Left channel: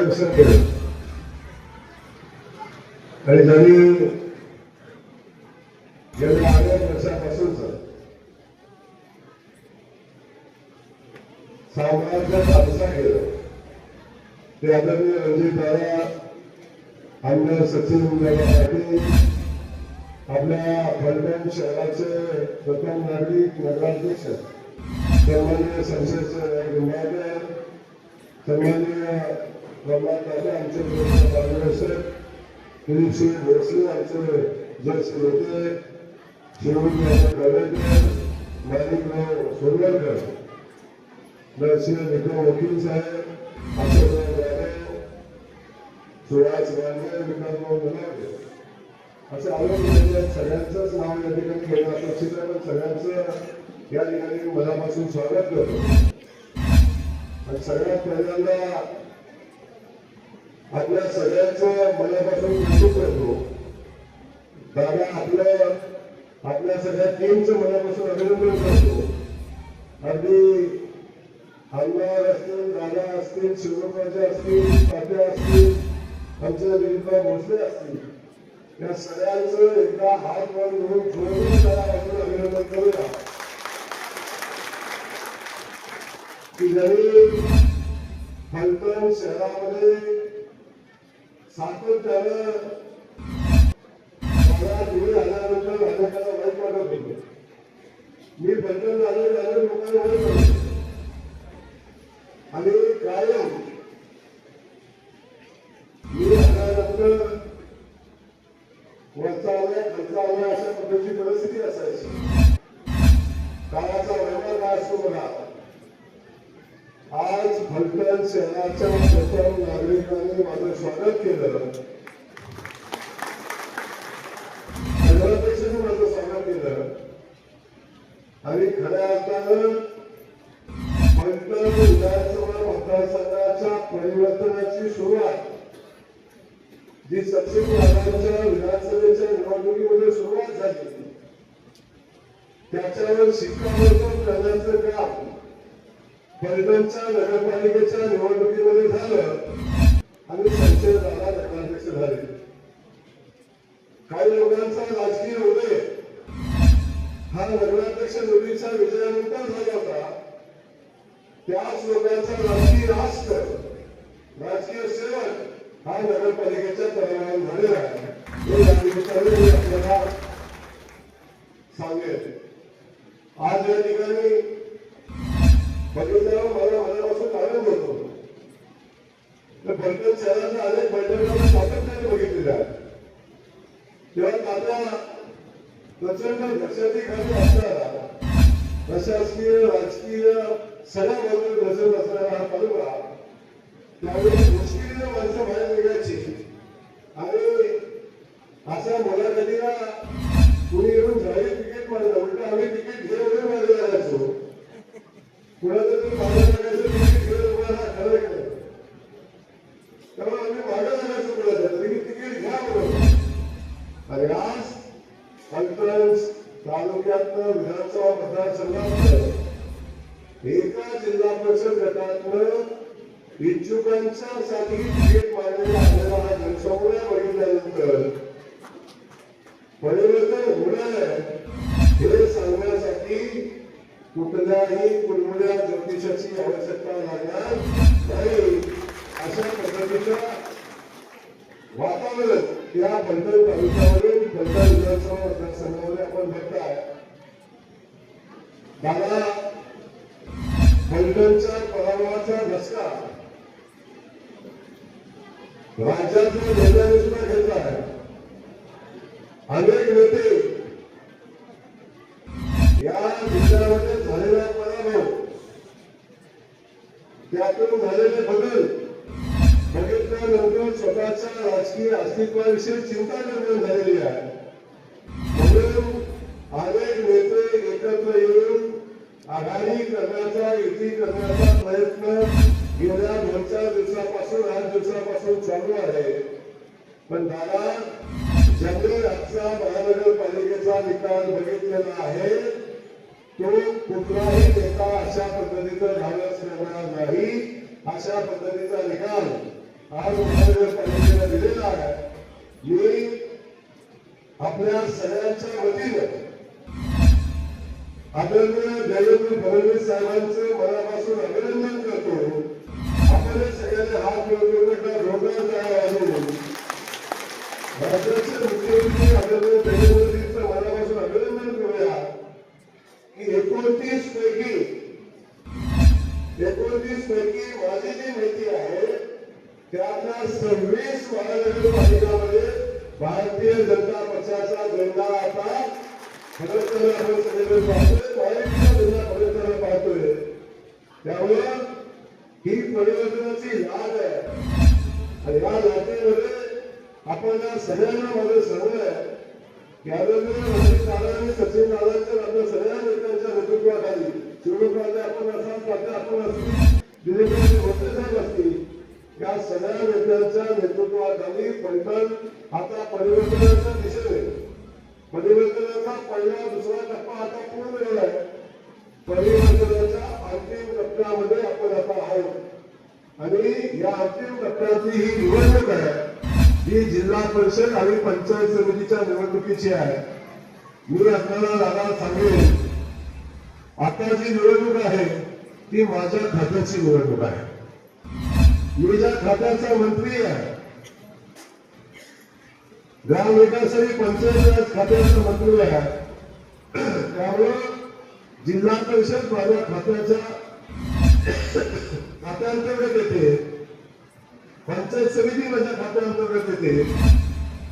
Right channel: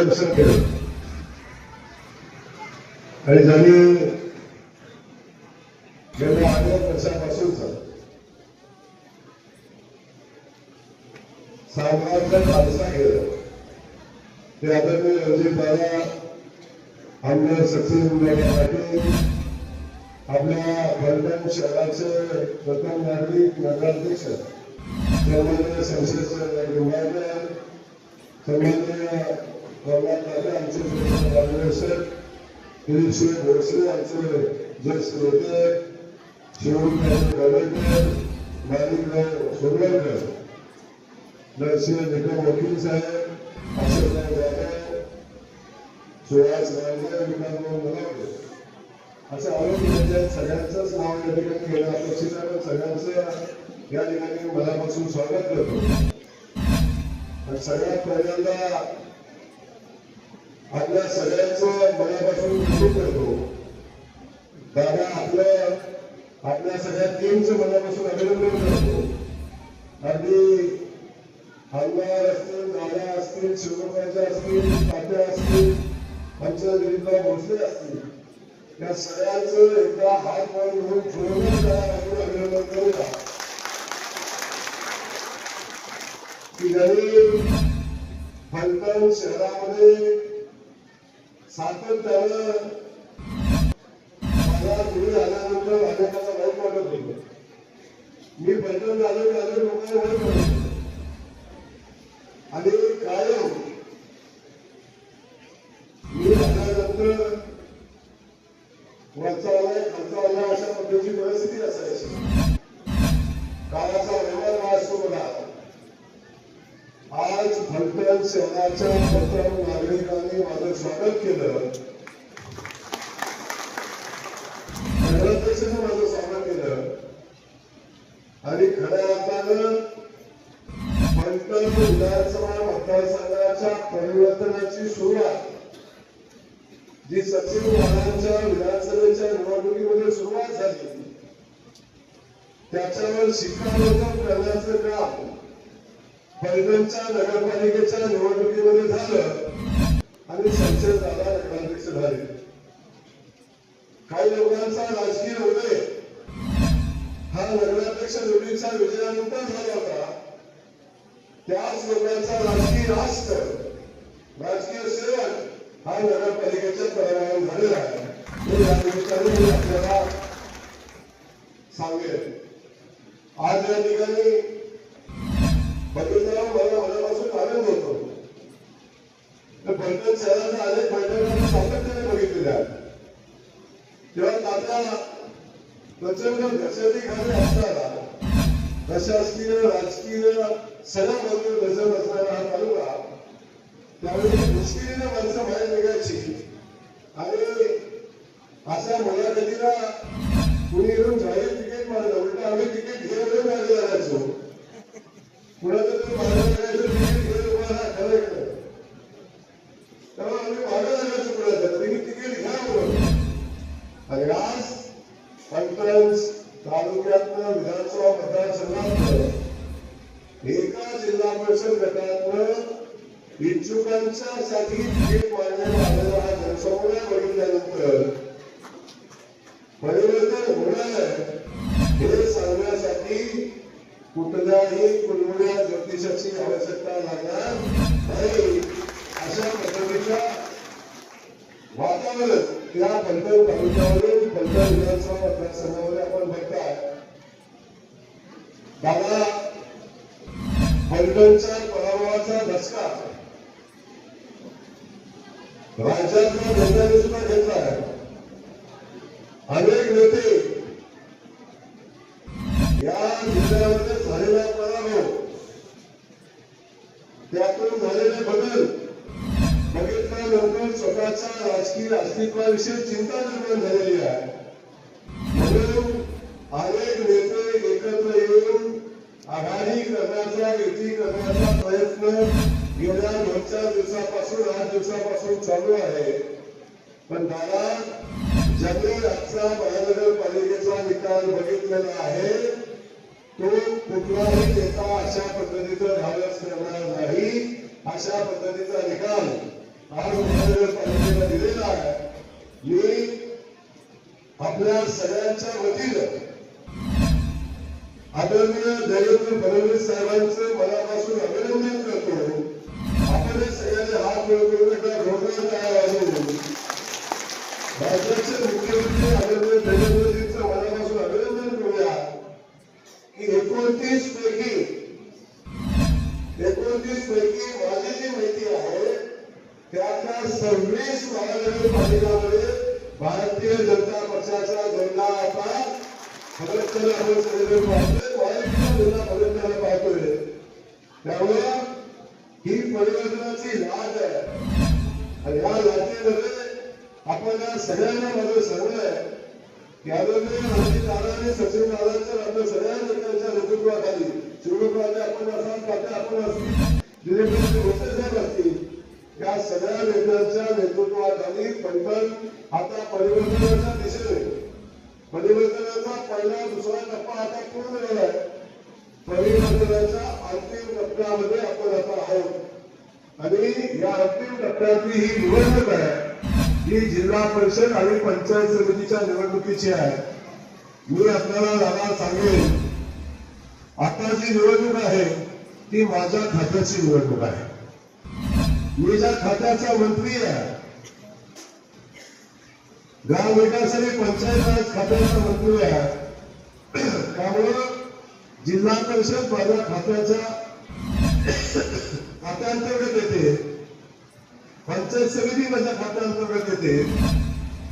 दर्शन केलं आणि त्यांनी गेल्या अनेक वर्षापासूनच साम्राज्यात पालसा केलं ते आदरणीय रणजित दादा आमदार सचिन पाटील आपल्या फलटण शहराचे प्रथम नागरिक नगराध्यक्ष सन्मान्य संसद निंबाळकर सन्मान्य प्रल्हाद दादा आमचे मार्गदर्शक भोसले ज्येष्ठ नेते शिवराज गवेकर माणिकराव नरसिंह निकम वकील साहेब अशोकराव जाधव सुहास विकासराव असं आरोग्य सगळ्यांचंच नाव या ठिकाणी घेणं अपेक्षित आहे पण सगळ्यांचं या ठिकाणी मनापासून स्वागत करतो आणि सगळ्यात पहिल्यांदा आपल्या सगळ्यांचं मनापासून कौतुक करतो. दादा आपलं आपल्या सगळ्या टीमचं मनापासून अभिनंदन करतो. अगदी हलवार असतील दादा असतील शिवराजा असतील पाट्या असतील आमच्या दिलीपराव भोसले असतील या सगळ्यांचं एकदा हात वर घेऊन जोडून त्याला आपण अभिनंदन करूया. की ज्यांनी फलटण शहरामध्ये सातत्यानं मला दूर आल्यानंतर अनेकाला वाईट वाटत मी फलटण झालो झालो. लोकांना आणि कायम विधानसभा मतदारसंघाच्या परिवर्तनाची सुरुवात जी विधानसभेच्या निवडणुकीमध्ये सुरुवात झाली त्याच्यावर शिक्कामोर्तब करण्याचं काम नगरपालिकेच्या निवडणुकीमध्ये झालं आणि संजय दादा नगराध्यक्ष झाले काही लोकांचा राजकीय उदय हा नगराध्यक्ष निवडीच्या विजयानंतर झाला होता. त्याच लोकांचा राजकीय राष्ट्र राजकीय सेवक हा नगरपालिकेच्या परिणाम झालेला आहे. हे या निमित्ताने मी आपल्याला सांगेल आज या ठिकाणी बघितल्यावर मला मनापासून आनंद होतो. तर शहराचा अनेक बैठका सातत्याने बघितलेल्या आहेत तेव्हा आता प्रचंड घशाची खाली अशा मुलाखतीला कुणी येऊन जाहीर कुठल्याही कुठल्या ज्योतिषाची आवश्यकता लागणार नाही अशा पद्धतीच्या वातावरण त्या फलटण तालुक्यामध्ये फलटण विधानसभा मतदारसंघामध्ये आपण बघताय दादा फलटणच्या पराभवाचा धसका. राज्यातल्या नेत्यांनी सुद्धा घेतला आहे अनेक नेते या जिल्ह्यामध्ये झालेला पराभव त्यातून झालेले बदल बघितल्या बघितल्यानंतर स्वतःच्या राजकीय अस्तित्वाविषयी चिंता निर्माण झालेली आहे. म्हणून अनेक नेते एकत्र येऊन आघाडी करण्याचा युती करण्याचा प्रयत्न गेल्या दोन चार दिवसापासून आठ दिवसापासून चालू आहे. पण दादा ज्यांनी आजचा महानगरपालिकेचा निकाल बघितलेला आहे. तो कुठलाही नेता अशा पद्धतीचा धाडस करणार नाही. अशा पद्धतीचा निकाल आज महानगरपालिकेला दिलेला आहे. मी आपल्या सगळ्यांच्या वतीनं आदरणीय देवेंद्र फडणवीस साहेबांचं मनापासून अभिनंदन करतो. आपण सगळ्यांचे हात मिळवून रोजगार तयार आहे राज्याचे मुख्यमंत्री एकोणतीस पैकी एकोणतीस पैकी माझी जी माहिती आहे त्यातल्या सव्वीस महानगरपालिकामध्ये भारतीय जनता पक्षाचा झेंडा आता फडकताना आपण सगळे पाहतोय महाराष्ट्राचा झेंडा फडकताना पाहतोय. त्यामुळं ही परिवर्तनाची लाज आहे. आणि या लाटेमध्ये आपण सगळ्यांना माझं सांगणं आहे की आदरणीय रणजित दादा आणि सचिन दादांच्या आपल्या सगळ्या नेत्यांच्या नेतृत्वाखाली शिवराजवाले आपण असाल पाटील आपण असतील दिलीपजी भोसले साहेब असतील. या सगळ्या नेत्यांच्या नेतृत्वाखाली पैठण आता परिवर्तनाच्या दिशेने. परिवर्तनाचा पहिला दुसरा टप्पा आता पूर्ण झाला आहे परिवर्तनाच्या अंतिम टप्प्यामध्ये आपण आता आहोत. आणि या अंतिम टप्प्याची ही निवडणूक आहे. ही जिल्हा परिषद आणि पंचायत समितीच्या निवडणुकीची आहे. मी आपल्याला दादा सांगेन. आता जी निवडणूक आहे ती माझ्या खात्याची निवडणूक आहे. मी ज्या खात्याचा मंत्री आहे ग्रामविकास आणि पंचायत राज खात्याचा मंत्री आहे त्यामुळे जिल्हा परिषद माझ्या खात्याच्या खात्यांतर्गत येते पंचायत समिती माझ्या खात्याअंतर्गत येते.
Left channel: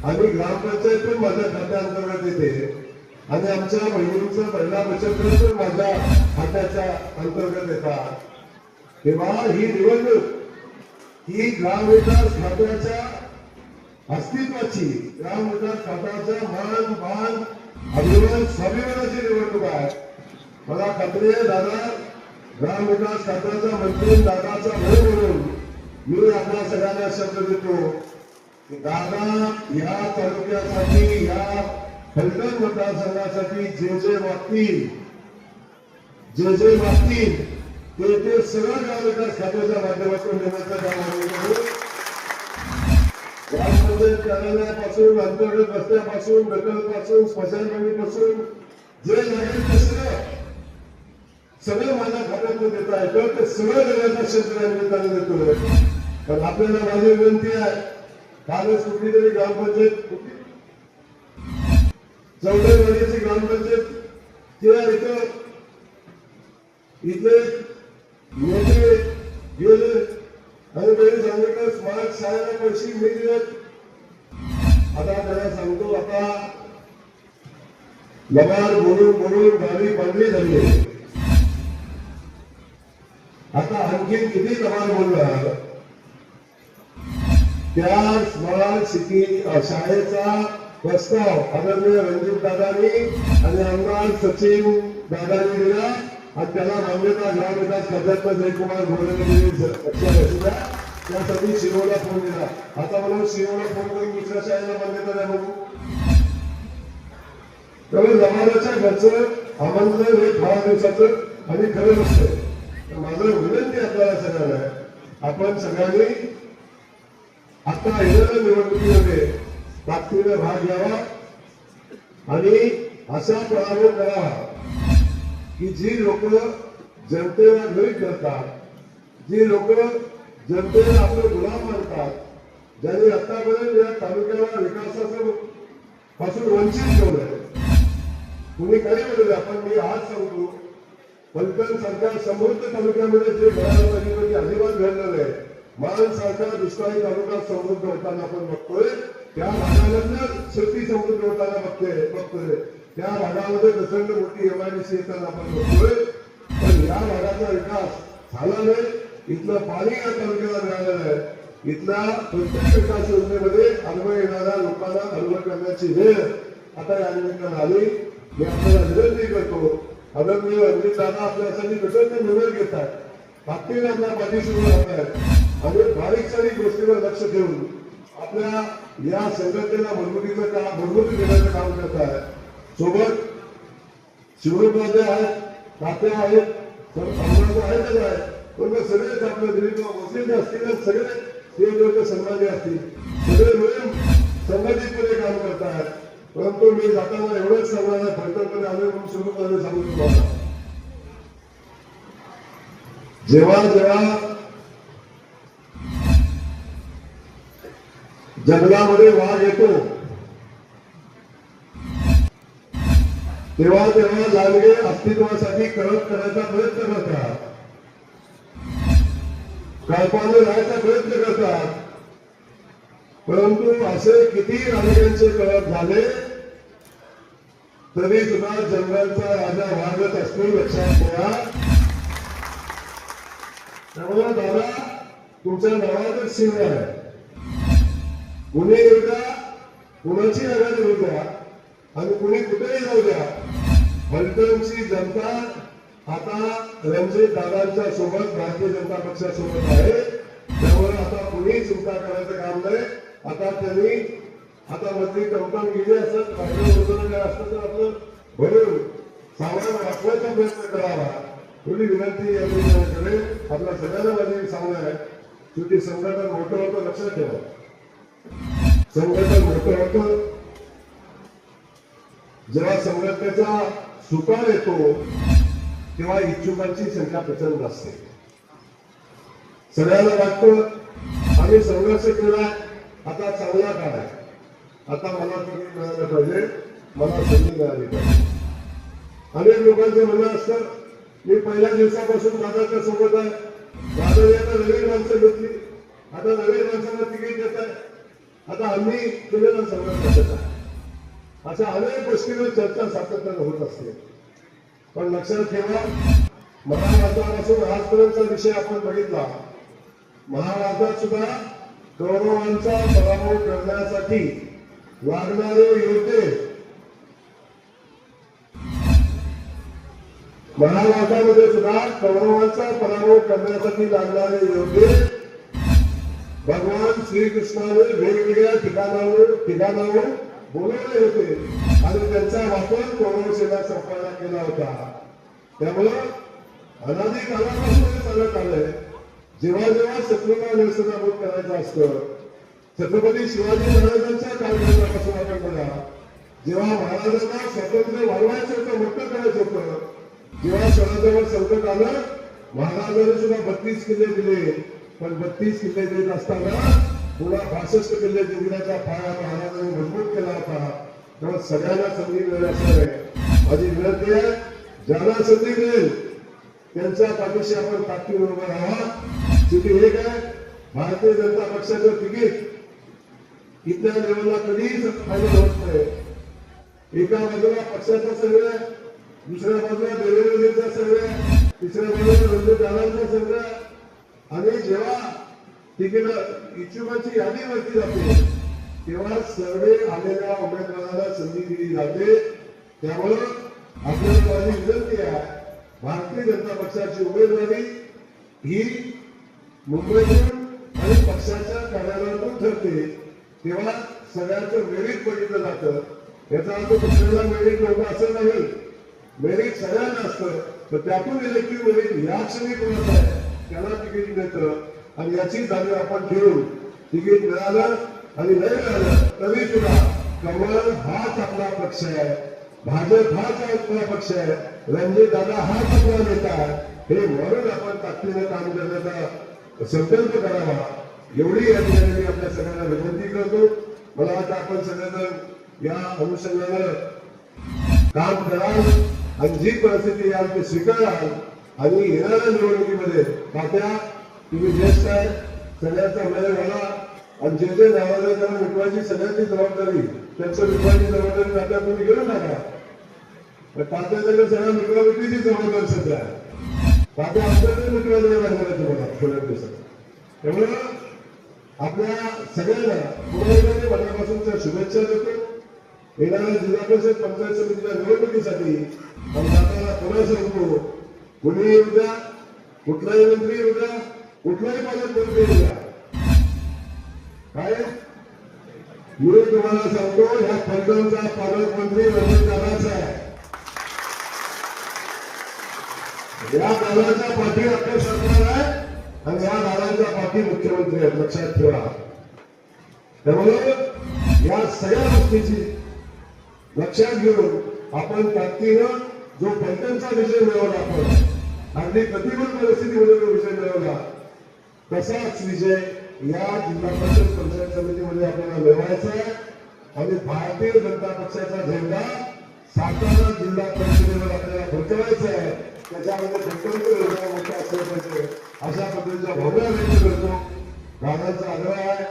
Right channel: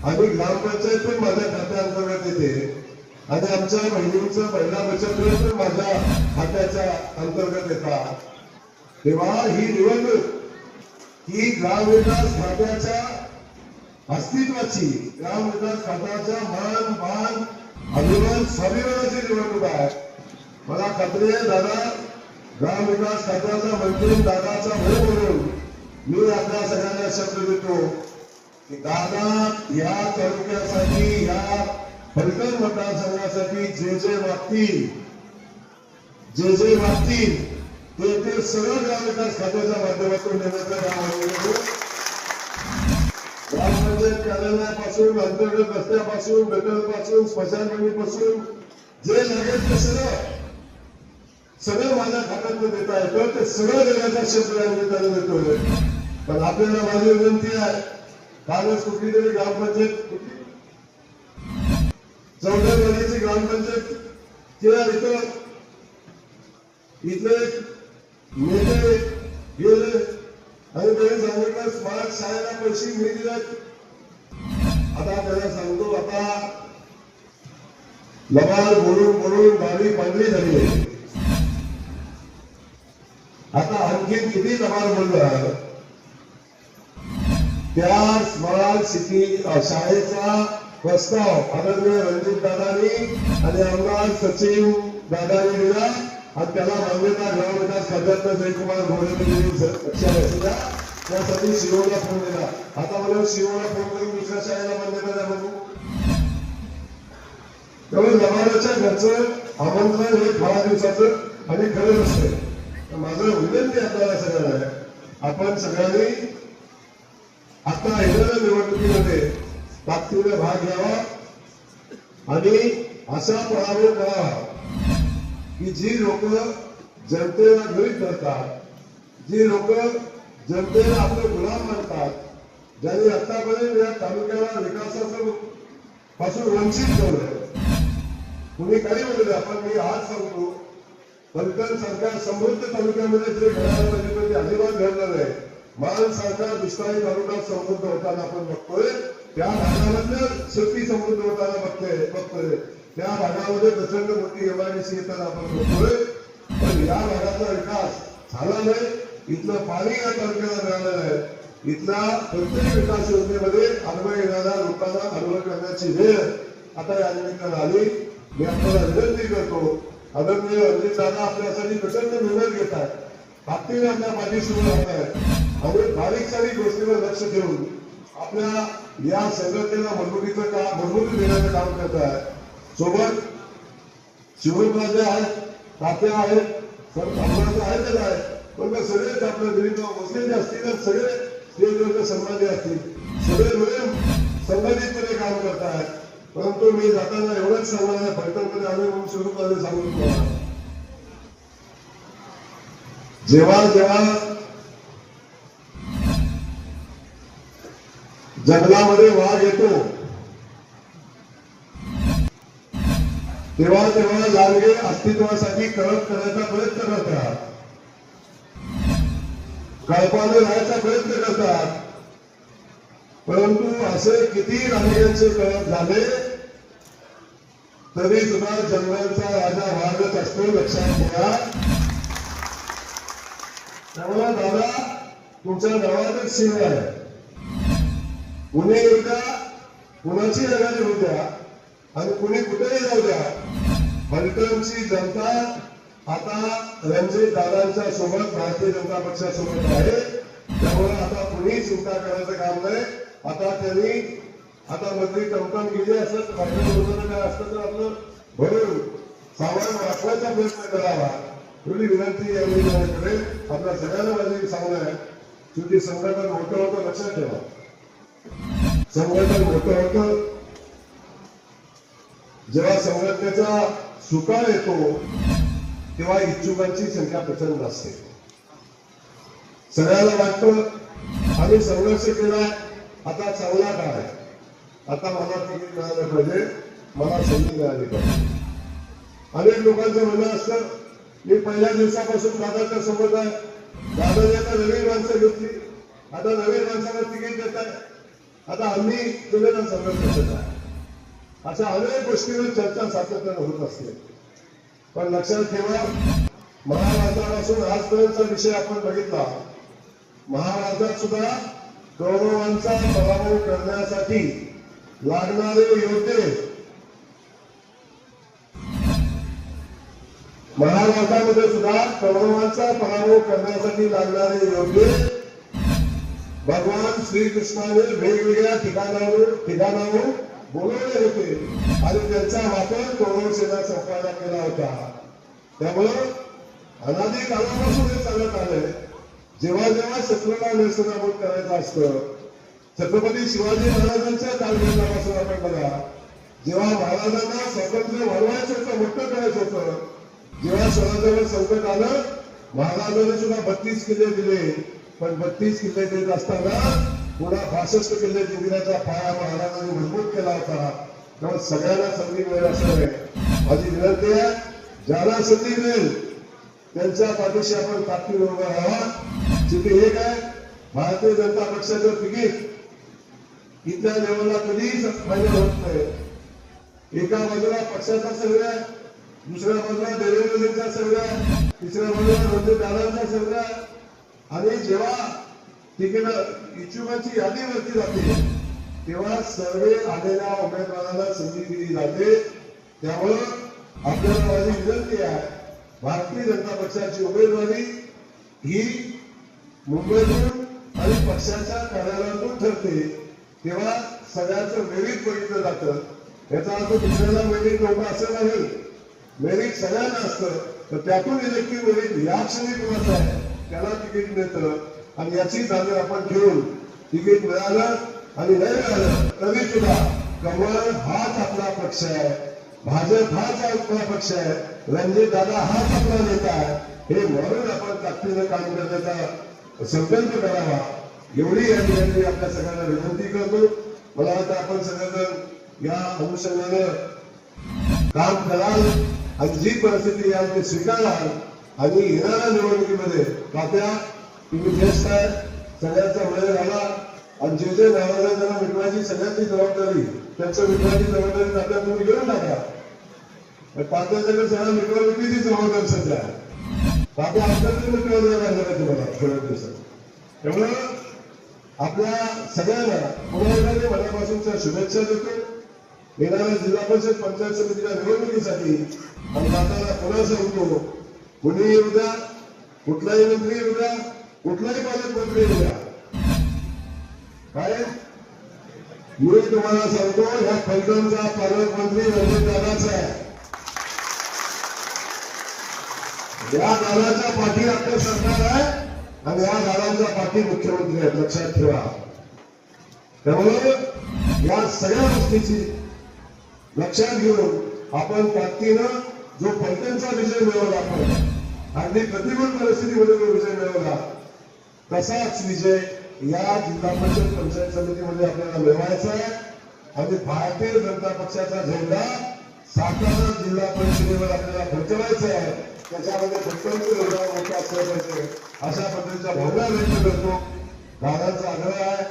आणि ग्रामपंचायत पण माझ्या खात्याअंतर्गत येते. आणि आमच्या बहिणींचं महिला बचत गट पण माझ्या खात्याच्या अंतर्गत येतात. तेव्हा ही निवडणूक ही ग्रामविकास खात्याच्या अस्तित्वाची ग्रामविकास खात्याच्या मान मान अभिमान स्वाभिमानाची निवडणूक आहे. मला खात्री आहे दादा ग्रामविकास खात्याचा मंत्री दादाचा भाऊ म्हणून मी आपल्या सगळ्यांना शब्द देतो की दादा या तालुक्यासाठी या फलटण मतदारसंघासाठी जे जे वागतील जे जे वागतील ते ते सगळं गाव विकास खात्याच्या माध्यमातून देण्याचं काम आम्ही करू ग्रामपंचायत कार्यालयापासून अंतर्गत रस्त्यापासून गटरपासून स्मशानभूमीपासून जे लागेल ते सगळं सगळं माझ्या खात्यातून देता येतं ते सगळं देण्याचा शब्द या निमित्ताने देतोय पण आपल्याला माझी विनंती आहे कालच कुठली तरी ग्रामपंचायत चौदावाडीची ग्रामपंचायत किंवा इथं इथले नेते गेले आणि त्यांनी सांगितलं स्मार्ट शाळेला पैसे मिळतील आता त्याला सांगतो आता लबाड बोलून बोलून गाडी पांढरी झाली आहे. आता आणखी किती लबाड बोलणार? त्या स्मार्ट सिटी शाळेचा प्रस्ताव आदरणीय रणजित दादानी आणि आमदार सचिन दादानी दिला. आणि त्याला मान्यता ग्रामविकास खात्यातनं जयकुमार घोडेमध्ये लक्षात त्यासाठी शिरोला फोन दिला आता मला शिरोला फोन करून दुसऱ्या शाळेला मान्यता द्या बघू. त्यामुळे लबाडाच्या घरचं आमंत्रण हे फार दिवसाचं आणि खरं नसतं माझं विनंती आपल्याला सगळ्यांना आपण सगळ्यांनी आता येणाऱ्या निवडणुकीमध्ये ताकदीने भाग घ्यावा. आणि असा पराभव करावा की जी लोक जनतेला गरीब करतात जी लोक जनतेला आपले गुलाम मानतात ज्यांनी आतापर्यंत या तालुक्याला विकासाचं पासून वंचित ठेवलं तुम्ही काही म्हणले आपण मी आज सांगतो पलकन सरकार समृद्ध तालुक्यामध्ये जे घडायला पाहिजे अजिबात घडलं नाही मान सारखा दुष्काळी तालुका समृद्ध होताना आपण बघतोय. त्या भागामधल्या शेती समृद्ध होताना बघतोय बघतोय. त्या भागामध्ये प्रचंड मोठी एमआयडीसी येताना आपण बघतोय. पण या भागाचा विकास झाला नाही इथलं पाणी या तालुक्याला मिळालेलं आहे. इथल्या प्रत्येक विकास योजनेमध्ये अनुभव येणाऱ्या लोकांना अनुभव करण्याची वेळ आता या निमित्तानं आली. मी आपल्याला विनंती करतो. आदरणीय रणजित दादा आपल्यासाठी प्रचंड निर्णय घेत आहेत पाणी आपल्या पाठीशी उभे राहत आहेत आणि बारीक सारीक गोष्टीवर लक्ष ठेवून आपल्या या संघटनेला मजबुतीचं काम मजबूती देण्याचं काम करत आहे सोबत शिवराजे आहेत तात्या आहेत सर्व आहेतच आहेत. पण मग सगळेच आपल्या दिलीप भोसले जे असतील तर सगळे ते संबंधी असतील. सगळे मिळून संबंधितपणे काम करतात परंतु मी जाताना एवढंच सांगणार फलटणकडे आले म्हणून शिवराजे सांगून तुम्हाला जेव्हा जेव्हा जंगलामध्ये वाघ येतो तेव्हा तेव्हा लालगे अस्तित्वासाठी कळप करायचा प्रयत्न करतात कळपाने राहायचा प्रयत्न करतात परंतु असे किती राजकीयांचे कळप झाले तरी सुद्धा जंगलचा राजा वागत असतो लक्षात ठेवा. त्यामुळे दादा तुमच्या नावातच शिव आहे. पुणे येऊ कुणाची जागा होऊ द्या आणि कुणी कुठेही जाऊ द्या. फलटणची जनता आता रणजित दादांच्या सोबत भारतीय जनता पक्षासोबत आहे. त्यामुळे आता कुणी चिंता करायचं काम नाही. आता त्यांनी आता मंत्री टमटम गेले असत पाठवलं काय असतं तर आपलं भरून सामान वाचवायचा प्रयत्न करावा. थोडी विनंती या निवेदनाकडे आपल्या सगळ्यांना माझं सांगणं आहे. तुमची संघटन मोठं होतं लक्षात ठेवा. संघटन मोठं होतं. जेव्हा संघटनेचा सुकाळ येतो तेव्हा इच्छुकांची संख्या प्रचंड असते. सगळ्यांना वाटतं आम्ही संघर्ष केला आता चांगला काळ आहे? आता मला तिकीट मिळालं पाहिजे मला संधी मिळाली पाहिजे. अनेक लोकांचं म्हणणं असतं मी पहिल्या दिवसापासून दादाच्या सोबत आहे. दादाने आता नवीन माणसं घेतली. आता नवीन माणसाला तिकीट देत आहे. आता आम्ही केलेला संघर्ष देत आहे. अशा अनेक गोष्टीवर चर्चा सातत्याने होत असते. पण लक्षात ठेवा महाराष्ट्रापासून आजपर्यंतचा विषय आपण बघितला. महाराष्ट्रात सुद्धा कौरवांचा पराभव करण्यासाठी लागणारे योद्धे महाभारतामध्ये सुद्धा कौरवांचा पराभव करण्यासाठी लागणारे योग्य भगवान श्रीकृष्णाने वेगवेगळ्या ठिकाणावर ठिकाणावर बोलवले होते आणि त्यांचा वापर कौरव सेना संपादना केला होता. त्यामुळं अनादी कालापासून हे चालत आलंय. जेव्हा जेव्हा शत्रूला व्यवस्थापन करायचं असतं छत्रपती शिवाजी महाराजांच्या कालखंडापासून आपण बघा जेव्हा महाराजांना स्वातंत्र्य वाढवायचं होतं मोठं करायचं होतं जेव्हा शहराजवळ संकट आलं महाराजांनी सुद्धा बत्तीस किल्ले दिले. पण बत्तीस किल्ले देत असताना पुन्हा बासष्ट किल्ले जिंकण्याचा पाया महाराजांनी मजबूत केला होता. तेव्हा सगळ्यांना संधी मिळेल असं नाही माझी विनंती आहे ज्याला संधी मिळेल त्यांच्या पाठीशी आपण ताकदीने उभं राहा. शेवटी हे काय भारतीय जनता पक्षाचं तिकीट. इथल्या लेवलला कधीच फायदा होत नाही. एका बाजूला पक्षाचा सगळ्या दुसऱ्या बाजूला म्हणजे देवेंद्रजींचा सगळ्या तिसऱ्या बाजूला रणजित म्हणजे दादांचा सगळ्या आणि जेव्हा तिकीट इच्छुकाची यादी वरती जाते तेव्हा सर्वे आलेल्या उमेदवाराला संधी दिली जाते. त्यामुळं आपल्याला माझी विनंती आहे भारतीय जनता पक्षाची उमेदवारी ही मुंबईतून आणि पक्षाच्या कार्यालयातून ठरते. तेव्हा सगळ्यांचं मेरिट बघितलं जातं. याचा अर्थ दुसऱ्याला वेळीत नव्हतं असं नाही मेरिट सगळ्यांना असतं. तर त्यातून इलेक्टिव्ह मेरिट या क्षणी कोणाचं आहे त्याला तिकीट मिळतं. आणि याची जाणीव आपण ठेवून तिकीट मिळालं आणि नाही मिळालं तरी सुद्धा कमळ हाच आपला पक्ष आहे. भाजप हाच आपला पक्ष आहे. रणजित दादा हाच आपला नेता आहे. हे म्हणून आपण ताकदीनं काम करण्याचा संकल्प करावा. एवढी या ठिकाणी आपल्या सगळ्यांना विनंती करतो. मला वाटतं आपण सगळेजण या अनुषंगानं काम कराल. आणि जी परिस्थिती याल ते स्वीकाराल आणि येणाऱ्या निवडणुकीमध्ये तात्या तुम्ही ज्येष्ठ आहे सगळ्यांचा वेळ झाला. आणि जे जे नावाला त्यांना मिटवायची सगळ्यांची जबाबदारी. त्यांचं मिटवायची जबाबदारी तात्या तुम्ही घेऊन टाका पण तात्याच्याकडे सगळ्या मिटवा मिटवीची जबाबदारी सध्या आहे. तात्या आपल्याकडे मिटवायला लागणार आहे तुम्हाला थोड्या दिवसात. त्यामुळे आपल्या सगळ्यांना पुन्हा एकदा मनापासूनच्या शुभेच्छा देतो. येणाऱ्या जिल्हा परिषद पंचायत समितीच्या निवडणुकीसाठी आणि माताला पुन्हा सांगतो कुणी येऊ द्या कुठलाही मंत्री येऊ द्या कुठलाही पालकमंत्री येऊ द्या. काय? मी तुम्हाला सांगतो ह्या फलटणचा पालकमंत्री रणजित दादाचा आहे. या दादाच्या पाठी आपलं सरकार आहे आणि या दादांच्या पाठी मुख्यमंत्री आहेत. लक्षात ठेवा. त्यामुळे या सगळ्या गोष्टीची लक्षात घेऊन आपण ताकदीनं जो पलटणचा विजय मिळवला आपण अगदी प्रतिकूल परिस्थितीमध्ये जो विजय मिळवला तसाच विजय या जिल्हा परिषद पंचायत समितीमध्ये आपल्याला मिळवायचा आहे. आणि भारतीय जनता पक्षाचा झेंडा सातारा जिल्हा परिषदेवर आपल्याला फडकवायचा आहे. त्याच्यामध्ये फडकवण्याचं योजना मोठे असले पाहिजे अशा पद्धतीच्या भावना व्यक्त करतो. दादांचा आग्रह आहे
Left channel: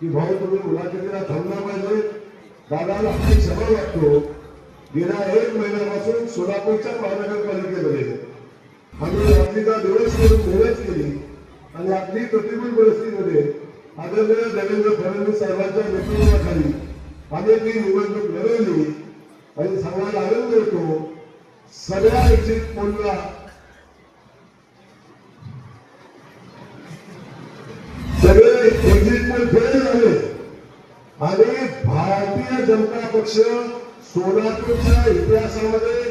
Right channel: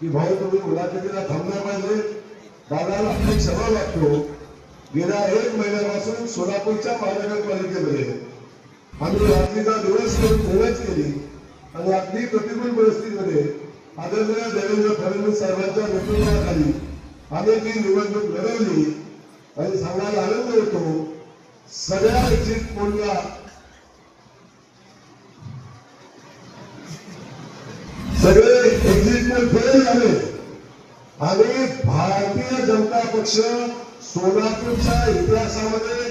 की भाऊ तुम्ही मुलाखतीला थांबला पाहिजे. दादाला आपली क्षमा लागतो. गेल्या एक महिन्यापासून सोलापूरच्या महानगरपालिकेमध्ये आम्ही रात्रीचा दिवस करून मोहच केली आणि आपली प्रतिकूल परिस्थितीमध्ये आदरणीय देवेंद्र फडणवीस साहेबांच्या नेतृत्वाखाली आम्ही ती निवडणूक लढवली आणि सांगायला आनंद होतो सगळ्या एक्झिट पोलला सगळे एक्झिट पोल फेल झाले. आणि भारतीय जनता पक्ष सोलापूरच्या इतिहासामध्ये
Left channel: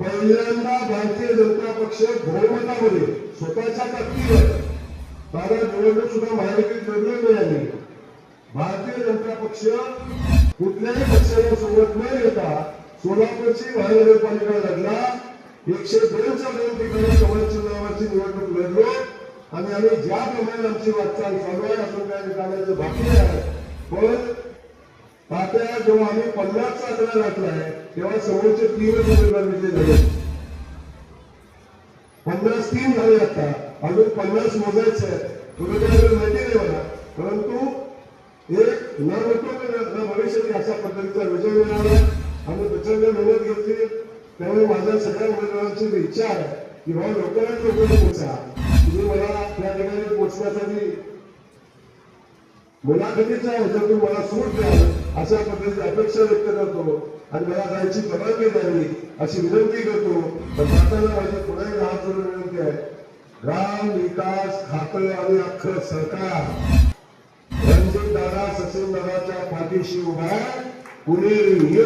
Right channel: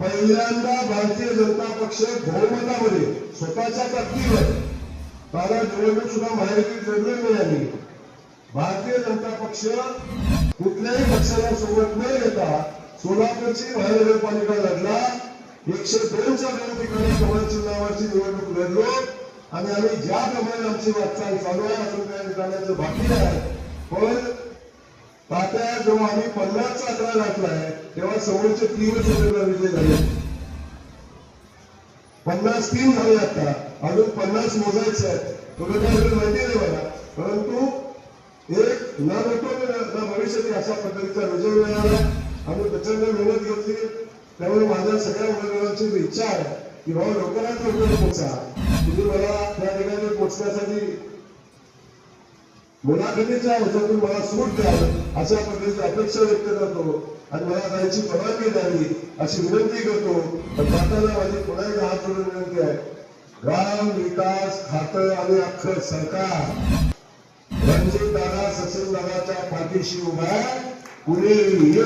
पहिल्यांदा भारतीय जनता पक्ष बहुमतामध्ये स्वतःच्या ताकदीवर दादा निवडणूक सुद्धा महायुतीत लढली मिळाली. भारतीय जनता पक्ष कुठल्याही पक्षाला सोबत न येता सोलापूरची महानगरपालिका लढला. एकशे दोनच्या दोन ठिकाणी कमल चिन्हावरची निवडणूक लढलो. आणि आम्ही ज्याप्रमाणे आमची वाटचाल चालू आहे असं काय करण्याचं बाकी आहे. पण आता जेव्हा आम्ही पन्नासचा आकडा गाठलाय तेव्हा समोरचे तीनच उमेदवार विजय झाले. पन्नास तीन झाले आता. अजून पन्नास मोजायचं आहे तुम्ही काय माहिती नाही मला. परंतु एक न होतो न भविष्यात अशा पद्धतीचा विजय मिळाला आम्ही प्रचंड मेहनत घेतली. त्यामुळे माझ्या सगळ्या उमेदवारांची इच्छा आहे की भाऊ लवकरात लवकर पोचा तुम्ही मला त्या ठिकाणी पोचण्यासाठी मुलाखतीच्या ह्याच्यातून मला सूट द्यावं अशा पद्धतीची अपेक्षा व्यक्त करतो आणि मला जायची परवानगी द्यावी अशी विनंती करतो. पण माताला माझी पुन्हा एकदा हात जोडून विनंती आहे. ग्राम विकास खातं आणि अख्खं सरकार. रणजित दादा सचिन दादाच्या पाठीशी उभा आहे. कुणी येऊया.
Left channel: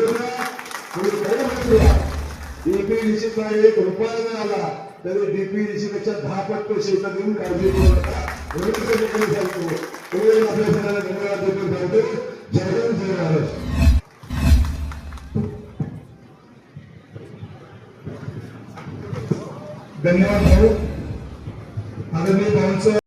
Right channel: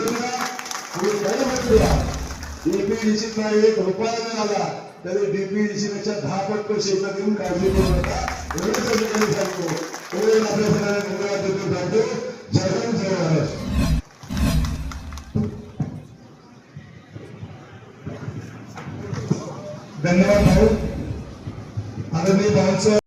डीपीडीसीचा एक रुपया नाही आला तरी डीपीडीसी पेक्षा दहा पट पैसे देऊन काळजी करू नका. एवढंच सांगतो एवढे आपल्या सगळ्यांना धन्यवाद देतो. सांगतो धन्यवाद भाऊ. आदरणीय भाऊंचं